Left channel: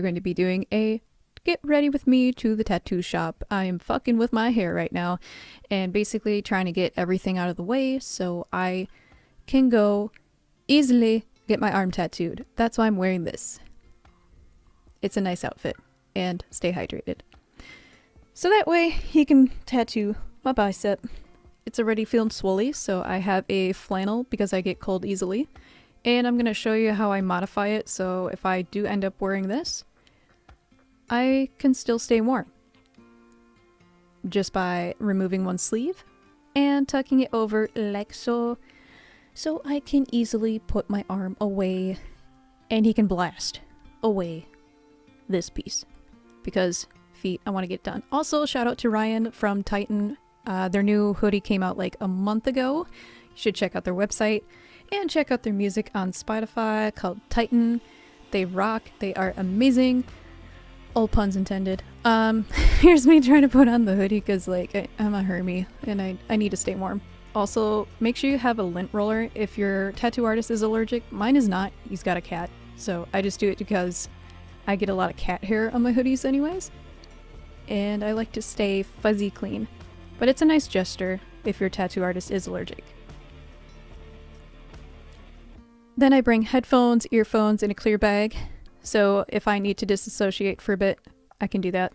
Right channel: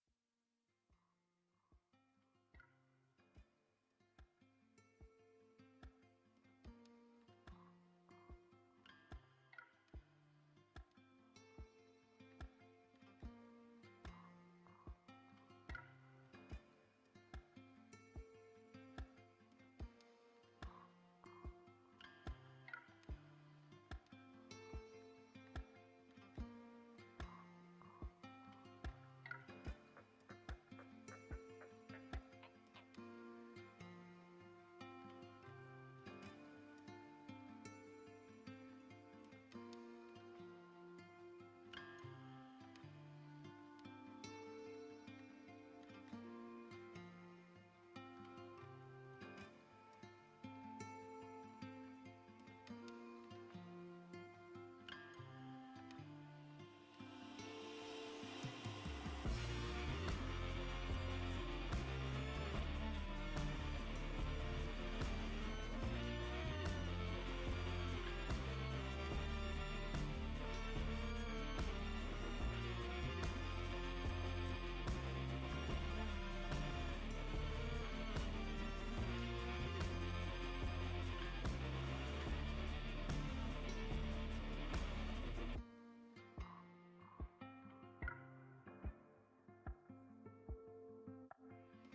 are going to be doing a get ready with me to the tattoo shop. I'm fucking with my hair right now and basically trying to get everything out of the way so I can go easily get my arm tattooed. That's why I'm wearing this. It's a nice outfit and stay hydrated. So that way he can tattoo my bicep. It's already feeling swolly, so I have a flannel because I get cold easily. And I'm going to show you how I modify it so if I do end up wearing this, I can still stay warm. Just by removing one sleeve and tucking it over like so. So I can easily put my arm away and he can blast away this piece. Because feet, I want to get done. Also, shout out to Ryan from Titan. Their new hoodie came out like a month ago. You should check out their website and check out their music on Spotify called Titan. They rock. They are amazing. All puns intended. Here's me trying to put on the hoodie because like I'm a hermie and I need to stay warm. Also, make sure you have a lint roller if your tattoo artist is allergic. Mine is not. He's got a cat. So I just do it because I get a lot of cat hair on my hoodies anyways. And I like to stay fuzzy clean. But it's a nice gesture if your tattoo artist is allergic. Then I bring headphones, earphones, in a clear bag. So if I need to disassociate for a bit, I can do that.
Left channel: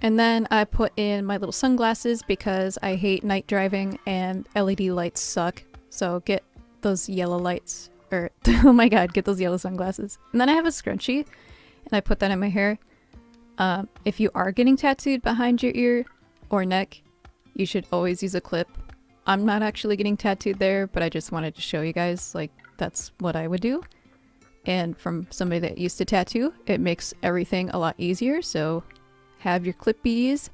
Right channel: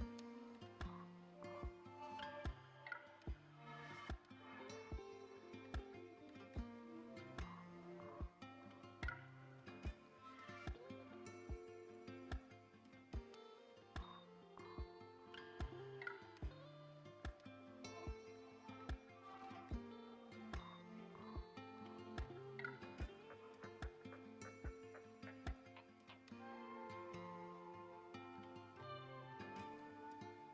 And then I put in my little sunglasses because I hate night driving and LED lights suck. So get those yellow lights. Or, oh my god, get those yellow sunglasses. And then I have a scrunchie, and I put that in my hair. If you are getting tattooed behind your ear or neck, you should always use a clip. I'm not actually getting tattooed there, but I just wanted to show you guys, like, that's what I would do. And from somebody that used to tattoo, it makes everything a lot easier, so have your clippies.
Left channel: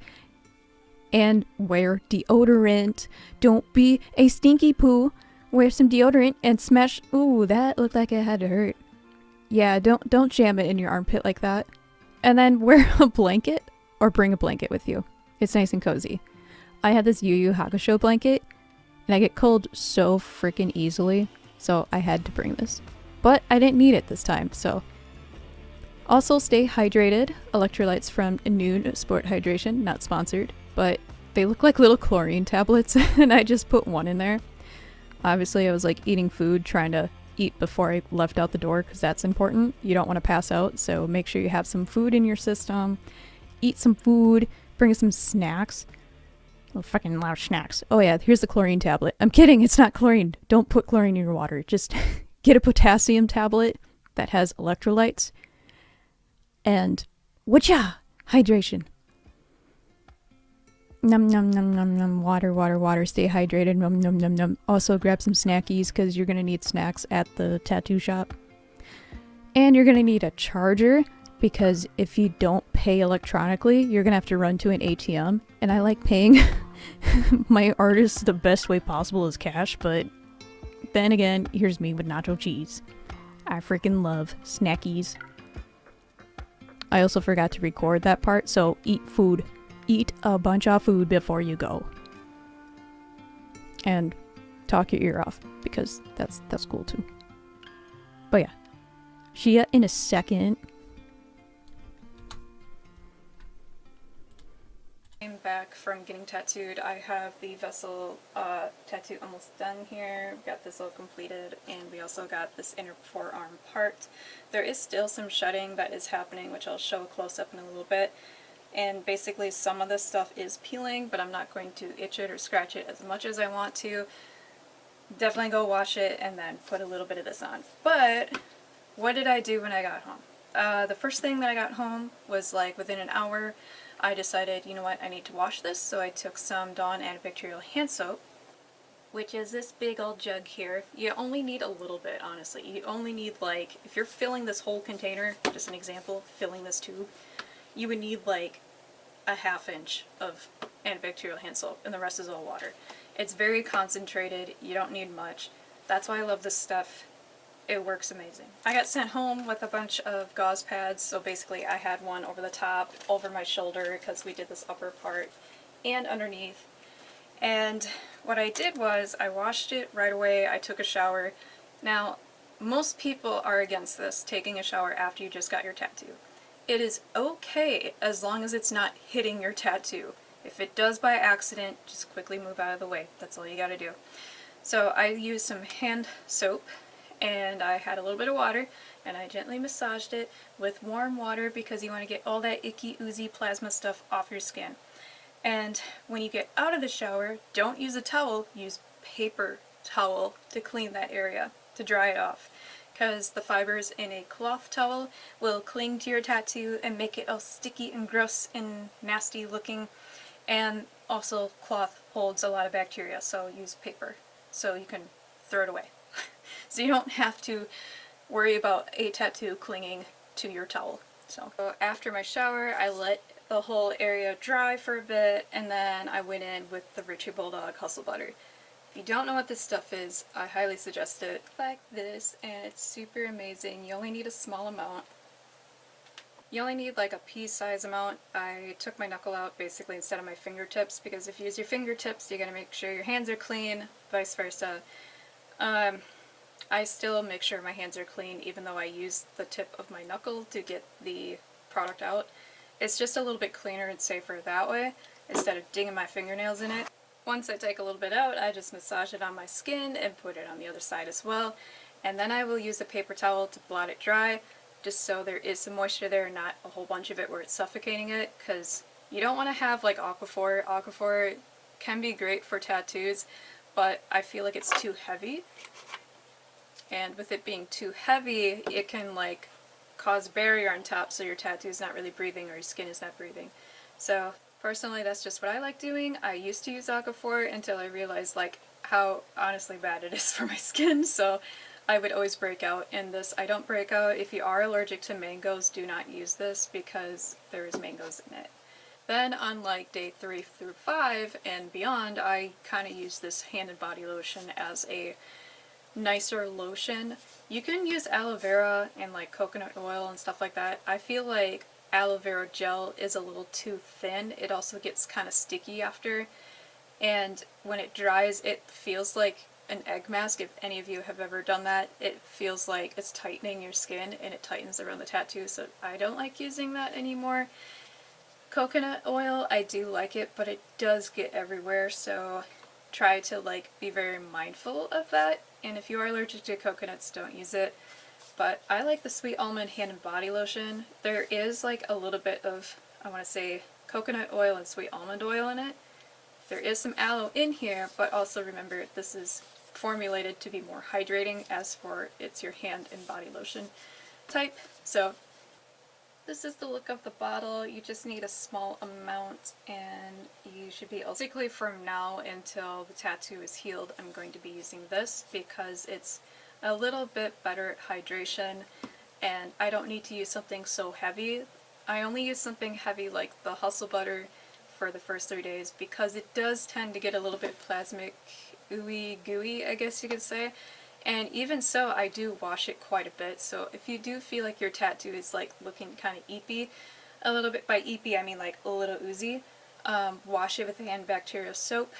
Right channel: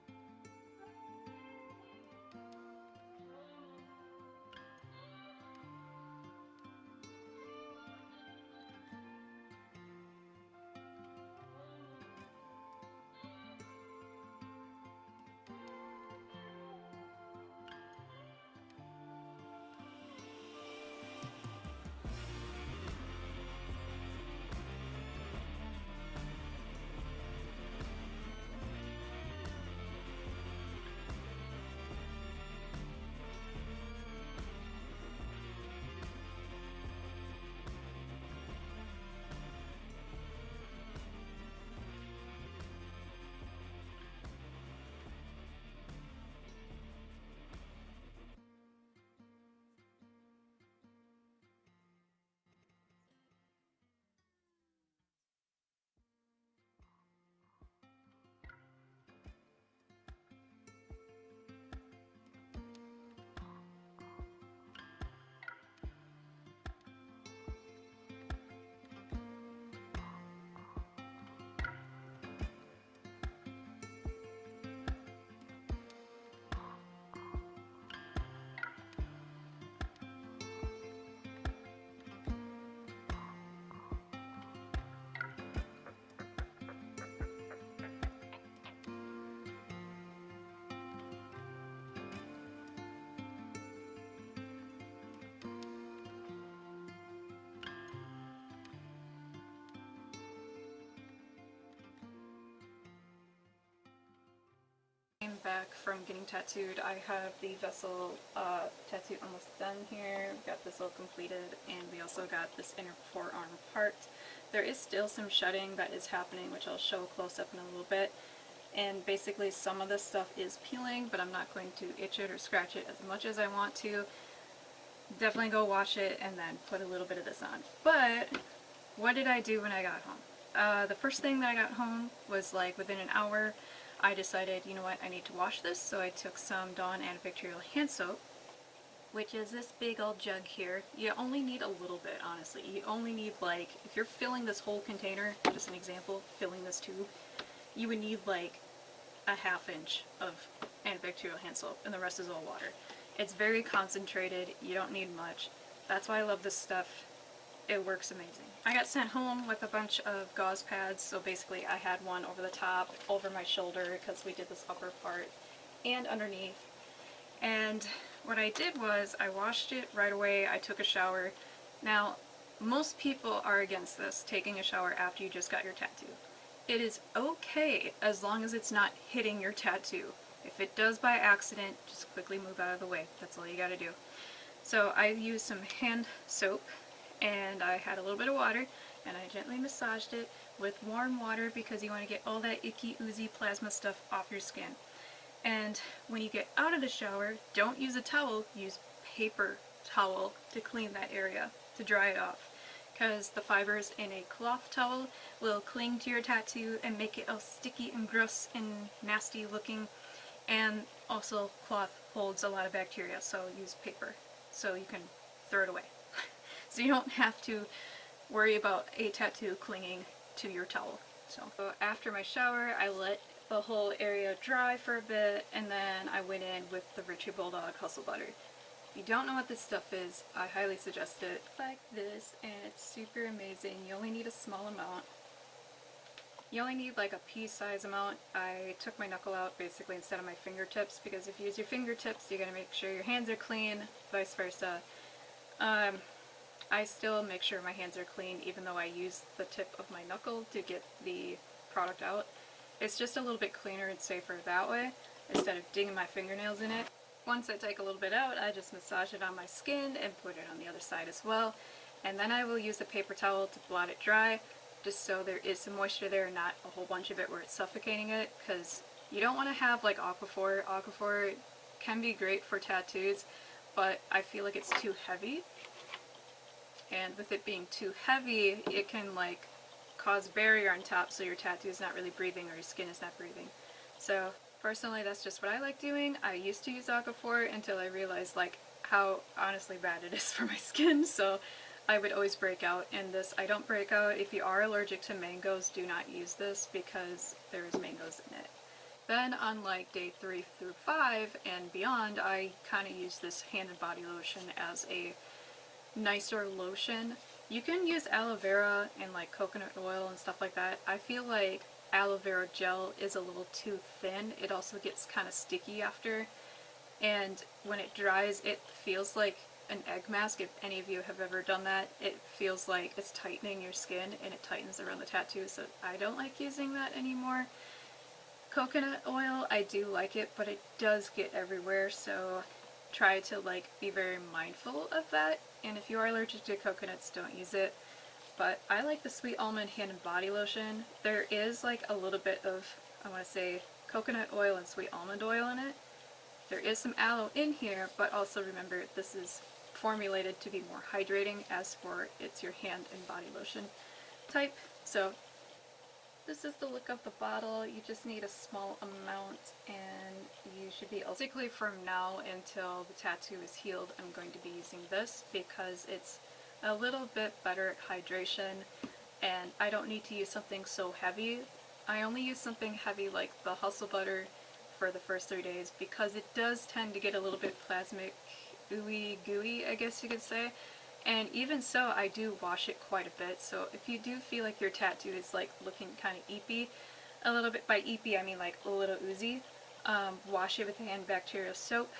And wear deodorant. Don't be a stinky poo. Wear some deodorant and smash. Ooh, that looked like it had to hurt. Yeah, don't jam it in your armpit like that. And then wear a blanket or bring a blanket with you. It's nice and cozy. I had this Yu Yu Hakusho blanket and I get cold so freaking easily, so I had to bring this. But I didn't need it this time, so. Also stay hydrated. Electrolytes from Noon Sport Hydration, not sponsored, but they look like little chlorine tablets and I just put one in there. Obviously, I was like eating food, trying to eat before I left out the door because that's important. You don't want to pass out, so make sure you have some food in your system. Eat some food, bring some snacks. Oh, fucking loud snacks. Oh yeah, here's the chlorine tablet. I'm kidding, it's not chlorine. Don't put chlorine in your water. Just get a potassium tablet that has electrolytes. And whatcha? Hydration. Num num num num num. Water, water, water. Stay hydrated. Num num num num. Also grab some snackies because you're going to need snacks at the tattoo shop. And you're going to need a charger because if you don't pay electronically, you're going to have to run to an ATM. And I like paying my artists the best way possible is cash, but then again, here's me with nacho cheese. I freaking love snackies. I also forgot to record that part, so eat food. Eat a bunch of food before you go. And talk your ear off, because that's cool too. But yeah. Shia in a second. I'm back from getting tattooed. I have the vessel tattoo almost done here. We got this all completed, and we also got this inner forearm part. There is still some shedding that is happening, which I'll show close up in a little bit. And basically some of this stuff is peeling, but I'm not going to itch it or scratch it as much as I want to. Definitely go wash it and then put a little bit of this on. But what did I do when I got home? The first thing that I got home was like within an hour, I decided, you know what, I need to wash this. So I took some Dawn antibacterial hand soap, which is this big old jug here. You only need a little bit, honestly. You only need like, if you're filling this whole container, just an example, filling this tube, you would need like a ½ inch of antibacterial hand soap, and the rest is all water. It's very concentrated, you don't need much. That's why I love this stuff. It works amazing. I got sent home with a bunch of gauze pads, so basically I had one over the top, over my shoulder, because we did this upper part, and underneath. And what I did was I washed it right away, I took a shower. Now, most people are against this, taking a shower after you just got your tattoo. It is okay as long as it's not hitting your tattoo. If it does by accident, just quickly move out of the way. That's all you gotta do. So I used some hand soap and I had a little bit of water and I gently massaged it with warm water because you want to get all that icky, oozy plasma stuff off your skin. And when you get out of the shower, don't use a towel, use paper towel to clean that area, to dry it off. Because the fibers in a cloth towel will cling to your tattoo and make it all sticky and gross and nasty looking. And also cloth holds a lot of bacteria, so use paper so you can throw it away. So you don't have to worry about a tattoo clinging to your towel. So after my shower, I let the whole area dry for a bit, and then I went in with the Richie Bulldog Hustle Butter. If you don't know what this stuff is, I highly suggest it. Like this, and it's super amazing. You only need a small amount. You only need like a pea-size amount. I took my knuckle out basically instead of my fingertips, because if you use your fingertips, you gotta make sure your hands are clean, vice versa. I still make sure my hands are clean even though I use the tip of my knuckle to get the product out. It's just a little bit cleaner and safer that way instead of digging my fingernails in it. Once I take a little bit out, I just massage it on my skin and put it on the other side as well. And then I will use a paper towel to blot it dry, just so there is some moisture there, not a whole bunch of it where it's suffocating it, because you don't want to have like Aquaphor. Aquaphor can be great for tattoos, but I feel like it's too heavy. And with it being too heavy, it can like cause a barrier on top so your tattoo is not really breathing or your skin is not breathing. So personally, that's just what I like doing. I used to use Aquaphor until I realized like how honestly bad it is for my skin, so I would always break out in this. I don't break out. If you are allergic to mangoes, do not use this because there's mangoes in it. Then on like day 3 through 5 and beyond, I kind of use this hand and body lotion as a nicer lotion. You can use aloe vera and like coconut oil and stuff like that. I feel like aloe vera gel is a little too thin. It also gets kind of sticky after, and when it dries it feels like an egg mask. If any of you have ever done that, it feels like it's tightening your skin and it tightens around the tattoo, so I don't like using that anymore. Coconut oil, I do like it, but it does get everywhere, so try to like be very mindful of that. And if you are allergic to coconuts, don't use it. But I like the Sweet Almond Hand and Body Lotion. There is like a little bit of, I want to say, coconut oil and sweet almond oil in it. There is some aloe in here, but also remember this is formulated to be more hydrating, as for it's your hand and body lotion type. So this is the look of the bottle. You just need a small amount and you should be able. Basically from now until the tattoo is healed, I'm going to be using this because it's a little bit better at hydration and I don't need to use something so heavy. I only use something heavy like the Hustle Butter for the first 3 days because it does tend to get a little bit plasmic, ooey gooey, I guess you could say. And even so, I do wash it quite a bit, so if you do feel like your tattoo is like looking kind of eepy, a little bit, by eepy I mean like a little oozy, wash it with antibacterial soap,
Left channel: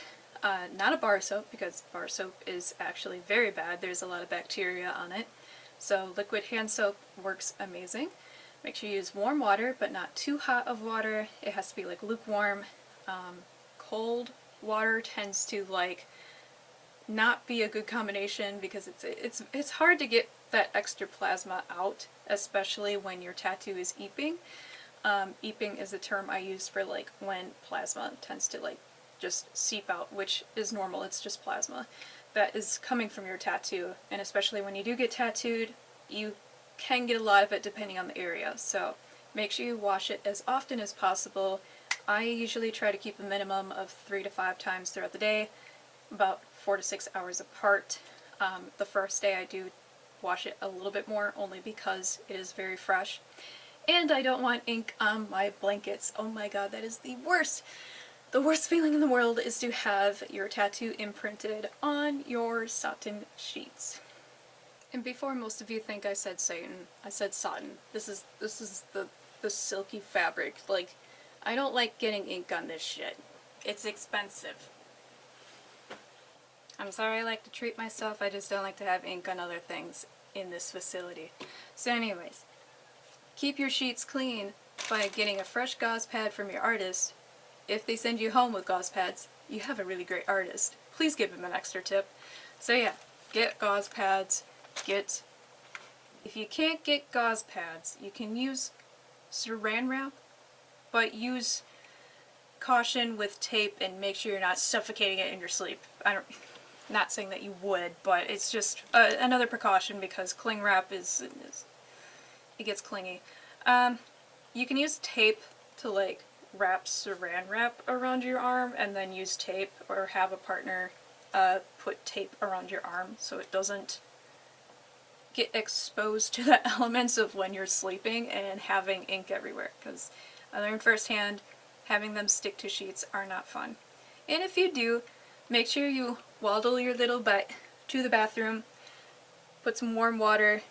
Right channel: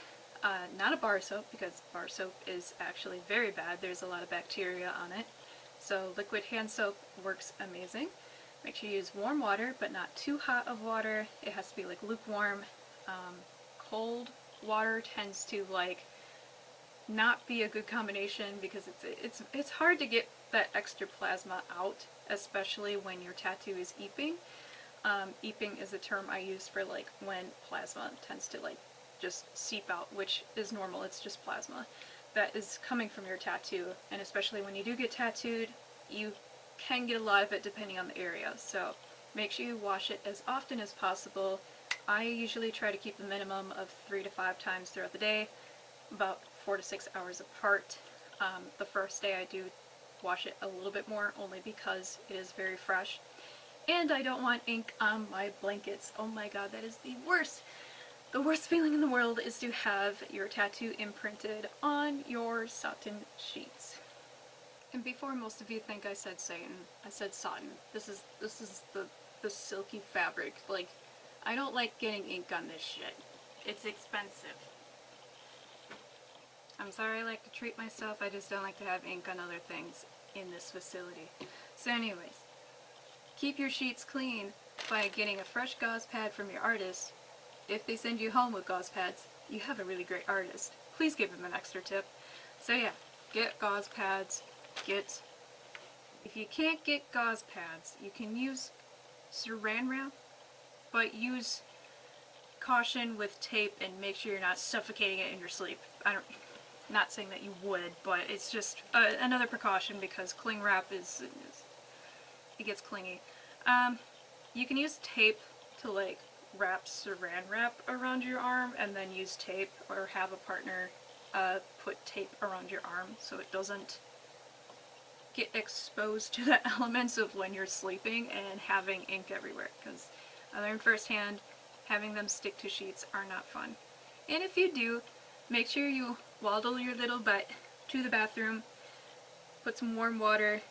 not a bar soap because bar soap is actually very bad. There's a lot of bacteria on it. So liquid hand soap works amazing. Make sure you use warm water, but not too hot of water. It has to be like lukewarm. Cold water tends to like not be a good combination because it's hard to get that extra plasma out, especially when your tattoo is eeping. Eeping is a term I use for like when plasma tends to like just seep out, which is normal. It's just plasma that is coming from your tattoo, and especially when you do get tattooed, you can get a lot of it depending on the area. So make sure you wash it as often as possible. I usually try to keep a minimum of 3 to 5 times throughout the day, about 4 to 6 hours apart. The first day I do wash it a little bit more, only because it is very fresh. And I don't want ink on my blankets. Oh my god, that is the worst! The worst feeling in the world is to have your tattoo imprinted on your satin sheets. And before most of you think I said Satan, I said satin. This is the silky fabric. Like, I don't like getting ink on this shit. It's expensive. I'm sorry I like to treat myself, I just don't like to have ink on other things in this facility. So anyways, keep your sheets clean by getting a fresh gauze pad from your artist. If they send you home with gauze pads, you have a really great artist. Please give them an extra tip. So yeah, get gauze pads, if you can't get gauze pads, you can use saran wrap, but use caution with tape and make sure you're not suffocating it in your sleep. Not saying that you would, but it's just another precaution because cling wrap it gets clingy. You can use tape to like wrap saran wrap around your arm and then use tape, or have a partner put tape around your arm so it doesn't get exposed to the elements of when you're sleeping and having ink everywhere, because I learned firsthand having them stick to sheets are not fun. And if you do, make sure you waddle your little butt to the bathroom, put some warm water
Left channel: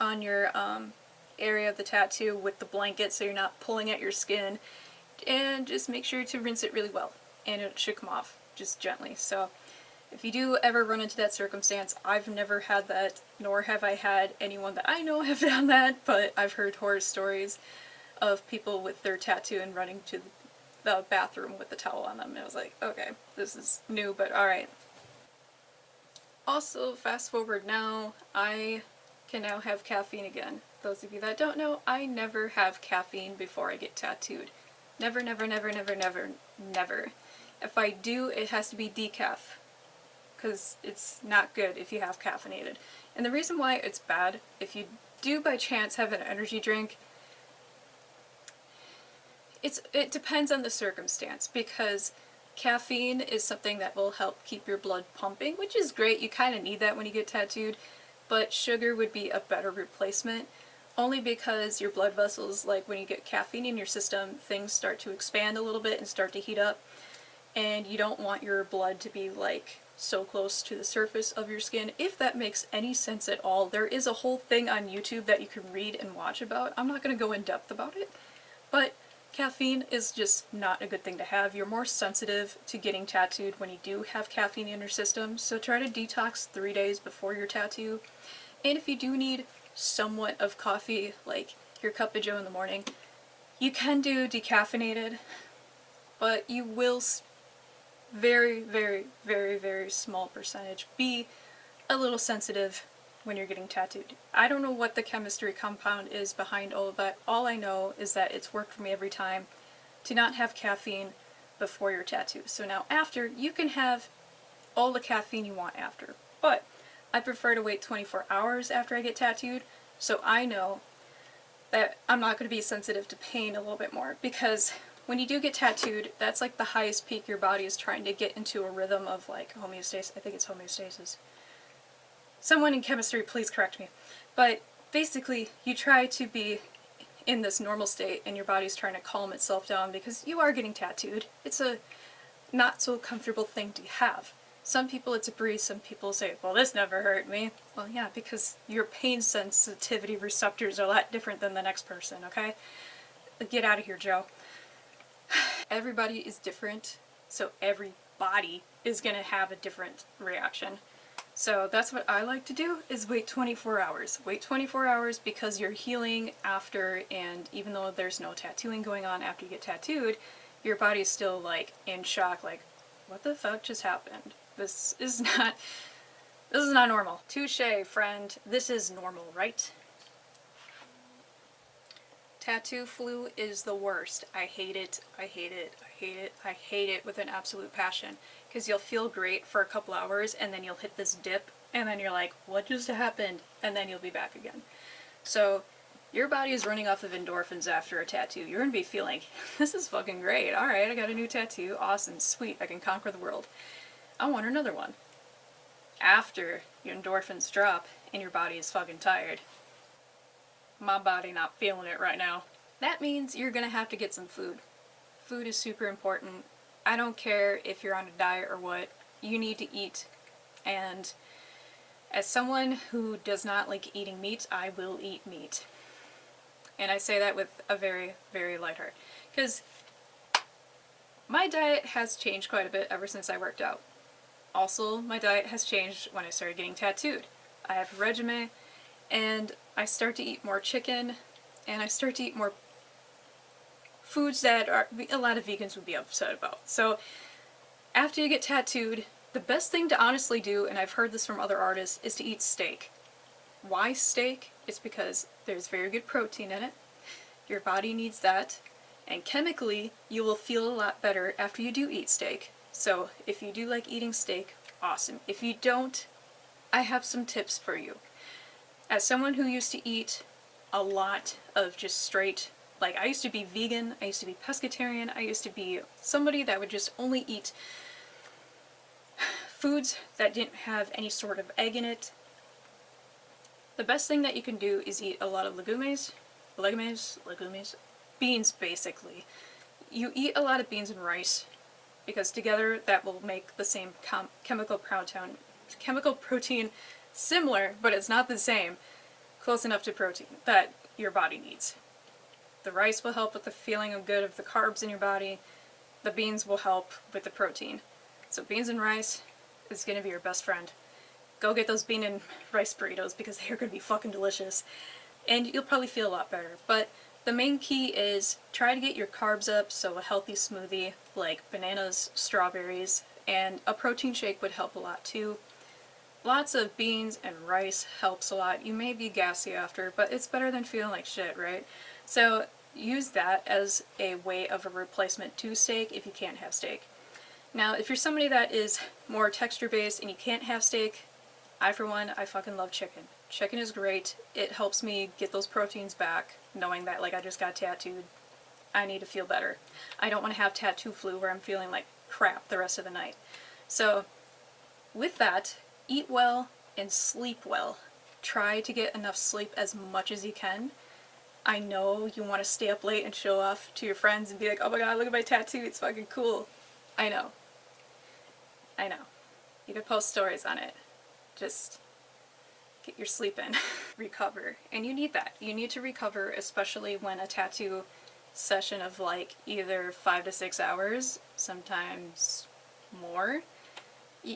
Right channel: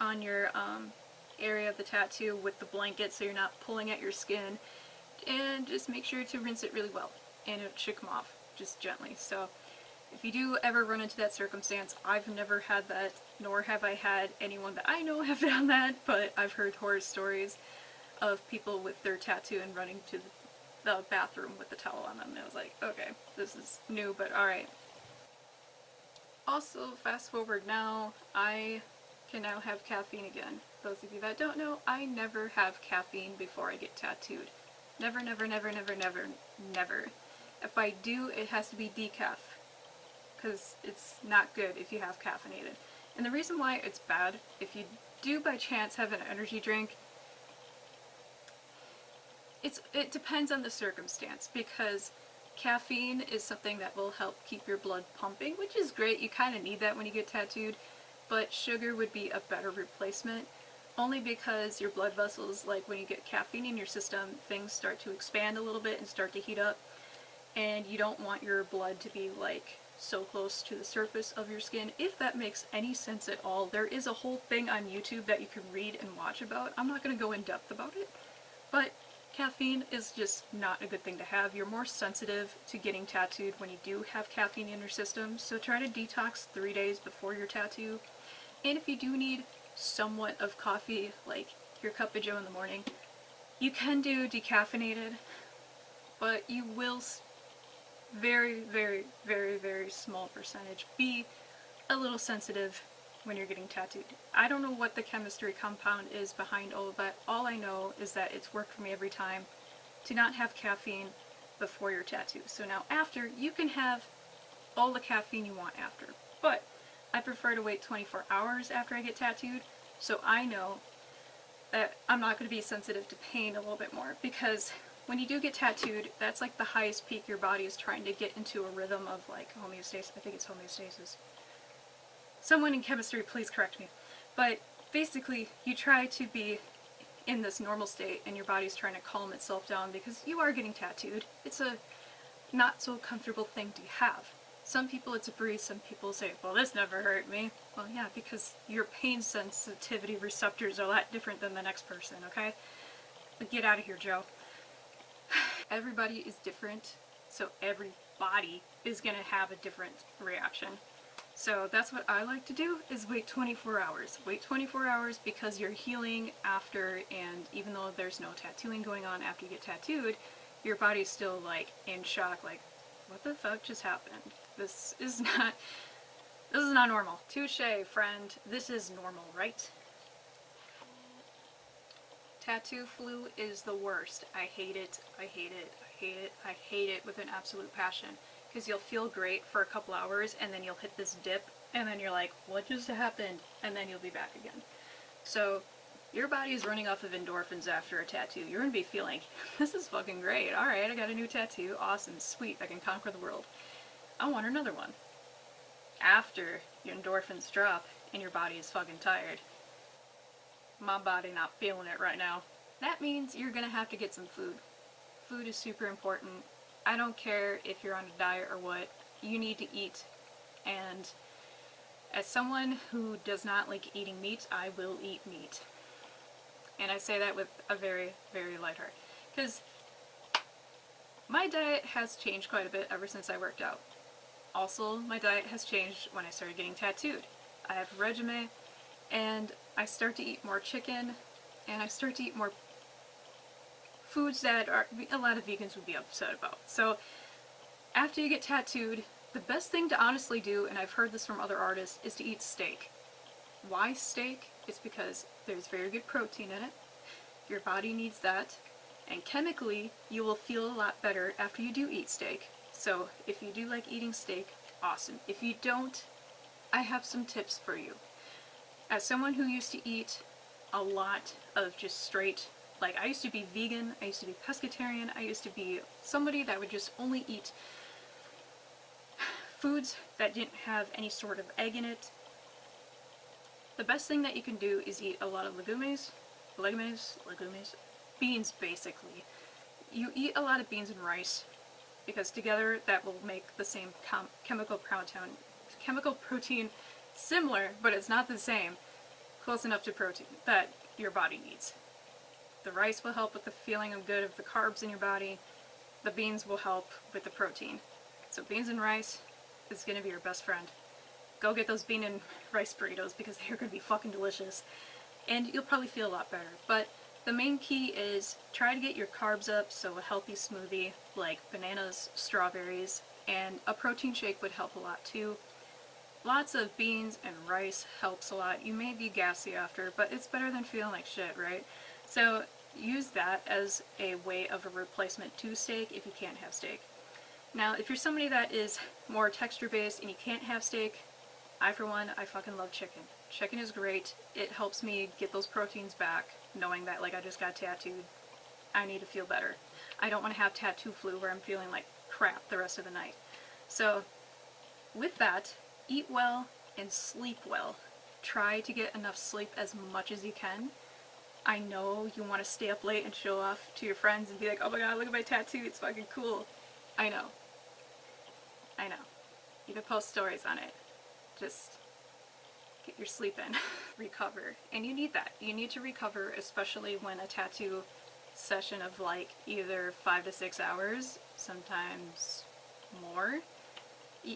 on your area of the tattoo with the blanket so you're not pulling at your skin, and just make sure to rinse it really well, and it should come off just gently. So if you do ever run into that circumstance, I've never had that, nor have I had anyone that I know have done that, but I've heard horror stories of people with their tattoo and running to the bathroom with the towel on them, and I was like, okay, this is new, but alright. Also, fast forward now, I can now have caffeine again. Those of you that don't know, I never have caffeine before I get tattooed. Never, never, never, never, never, never. If I do, it has to be decaf, because it's not good if you have caffeinated. And the reason why it's bad, if you do by chance have an energy drink, it depends on the circumstance, because caffeine is something that will help keep your blood pumping, which is great, you kind of need that when you get tattooed, but sugar would be a better replacement, only because your blood vessels, like when you get caffeine in your system, things start to expand a little bit and start to heat up, and you don't want your blood to be like so close to the surface of your skin. If that makes any sense at all, there is a whole thing on YouTube that you can read and watch about. I'm not going to go in depth about it, but caffeine is just not a good thing to have. You're more sensitive to getting tattooed when you do have caffeine in your system, so try to detox 3 days before your tattoo. And if you do need somewhat of coffee, like your cup of joe in the morning, you can do decaffeinated, but you will very, very, very, very small percentage be a little sensitive when you're getting tattooed. I don't know what the chemistry compound is behind all of that. All I know is that it's worked for me every time to not have caffeine before your tattoo. So now after, you can have all the caffeine you want after. But I prefer to wait 24 hours after I get tattooed, so I know that I'm not going to be sensitive to pain a little bit more, because when you do get tattooed, that's like the highest peak your body is trying to get into a rhythm of like homeostasis. I think it's homeostasis. Someone in chemistry, please correct me. But basically, you try to be in this normal state and your body's trying to calm itself down because you are getting tattooed. It's a not so comfortable thing to have. Some people it's a breeze, some people say, well, this never hurt me. Well, yeah, because your pain sensitivity receptors are a lot different than the next person, okay? Get out of here, Joe. Everybody is different, so every body is going to have a different reaction. So that's what I like to do, is wait 24 hours. Wait 24 hours because you're healing after, and even though there's no tattooing going on after you get tattooed, your body's still like in shock, like, what the fuck just happened? This is not normal. Touche, friend. This is normal, right? Tattoo flu is the worst. I hate it. I hate it. I hate it. I hate it with an absolute passion. Because you'll feel great for a couple hours and then you'll hit this dip and then you're like, what just happened? And then you'll be back again. So your body is running off of endorphins after a tattoo. You're going to be feeling, this is fucking great. Alright, I got a new tattoo. Awesome. Sweet. I can conquer the world. I want another one. After your endorphins drop and your body is fucking tired. My body not feeling it right now. That means you're going to have to get some food. Food is super important. I don't care if you're on a diet or what, you need to eat. And as someone who does not like eating meat, I will eat meat. And I say that with a very, very light heart. Because my diet has changed quite a bit ever since I worked out. Also, my diet has changed when I started getting tattooed. I have a regimen, and I start to eat more chicken, and I start to eat more foods that a lot of vegans would be upset about. So after you get tattooed, the best thing to honestly do, and I've heard this from other artists, is to eat steak. Why steak? It's because there's very good protein in it. Your body needs that. And chemically, you will feel a lot better after you do eat steak. So if you do like eating steak, awesome. If you don't, I have some tips for you. As someone who used to eat a lot of just straight, like I used to be vegan, I used to be pescatarian, I used to be somebody that would just only eat foods that didn't have any sort of egg in it. The best thing that you can do is eat a lot of legumes, beans basically. You eat a lot of beans and rice because together that will make the same chemical protein similar, but it's not the same, close enough to protein that your body needs. The rice will help with the feeling of good of the carbs in your body. The beans will help with the protein. So beans and rice is going to be your best friend. Go get those bean and rice burritos because they're going to be fucking delicious. And you'll probably feel a lot better. But the main key is try to get your carbs up, so a healthy smoothie like bananas, strawberries, and a protein shake would help a lot too. Lots of beans and rice helps a lot. You may be gassy after, but it's better than feeling like shit, right? So use that as a way of a replacement to steak if you can't have steak. Now, if you're somebody that is more texture-based and you can't have steak, I fucking love chicken. Chicken is great. It helps me get those proteins back, knowing that, like, I just got tattooed. I need to feel better. I don't want to have tattoo flu where I'm feeling like crap the rest of the night. So, with that, eat well and sleep well. Try to get enough sleep as much as you can. I know you want to stay up late and show off to your friends and be like, oh my god, look at my tattoo, it's fucking cool. I know. You could post stories on it. Just get your sleep in. Recover. And you need that. You need to recover, especially when a tattoo session of like either 5 to 6 hours, sometimes more,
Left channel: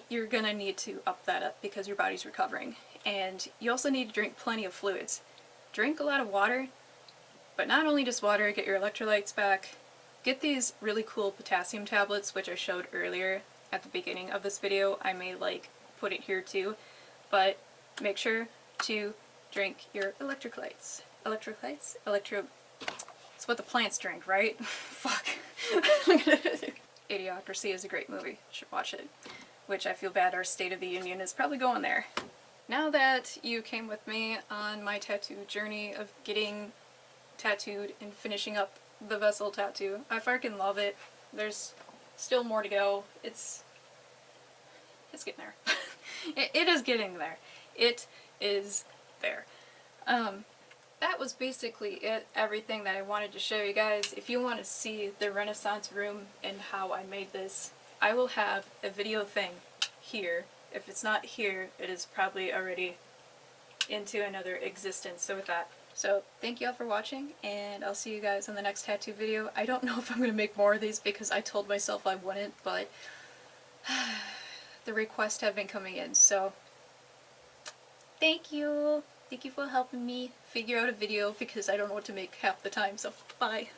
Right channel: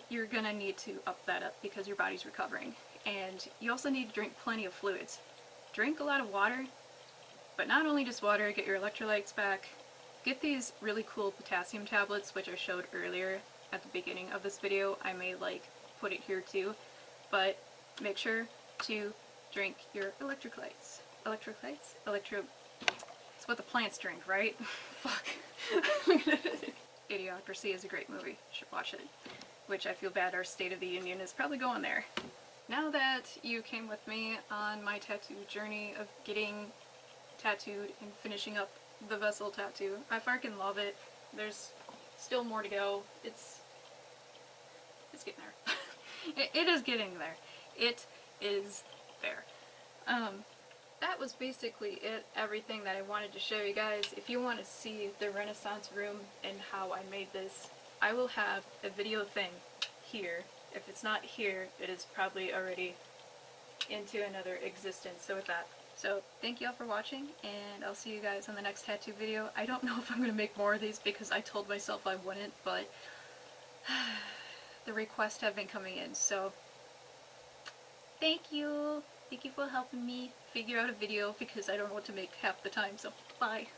you're gonna need to up that up because your body's recovering. And you also need to drink plenty of fluids. Drink a lot of water, but not only just water, get your electrolytes back. Get these really cool potassium tablets, which I showed earlier at the beginning of this video. I may like put it here too, but make sure to drink your electrolytes. It's what the plants drink, right? Fuck. Idiocracy is a great movie. You should watch it. Which I feel bad our State of the Union is probably going there. Now that you came with me on my tattoo journey of getting tattooed and finishing up the vessel tattoo, I fucking love it. There's still more to go. It's getting there. It is getting there. It is there. That was basically it, everything that I wanted to show you guys. If you want to see the Renaissance room and how I made this, I will have a video thing here. If it's not here, it is probably already into another existence. So with that, thank you all for watching, and I'll see you guys in the next tattoo video. I don't know if I'm going to make more of these because I told myself I wouldn't, but the requests have been coming in, so thank you. Thank you for helping me figure out a video because I don't know what to make half the time, so bye.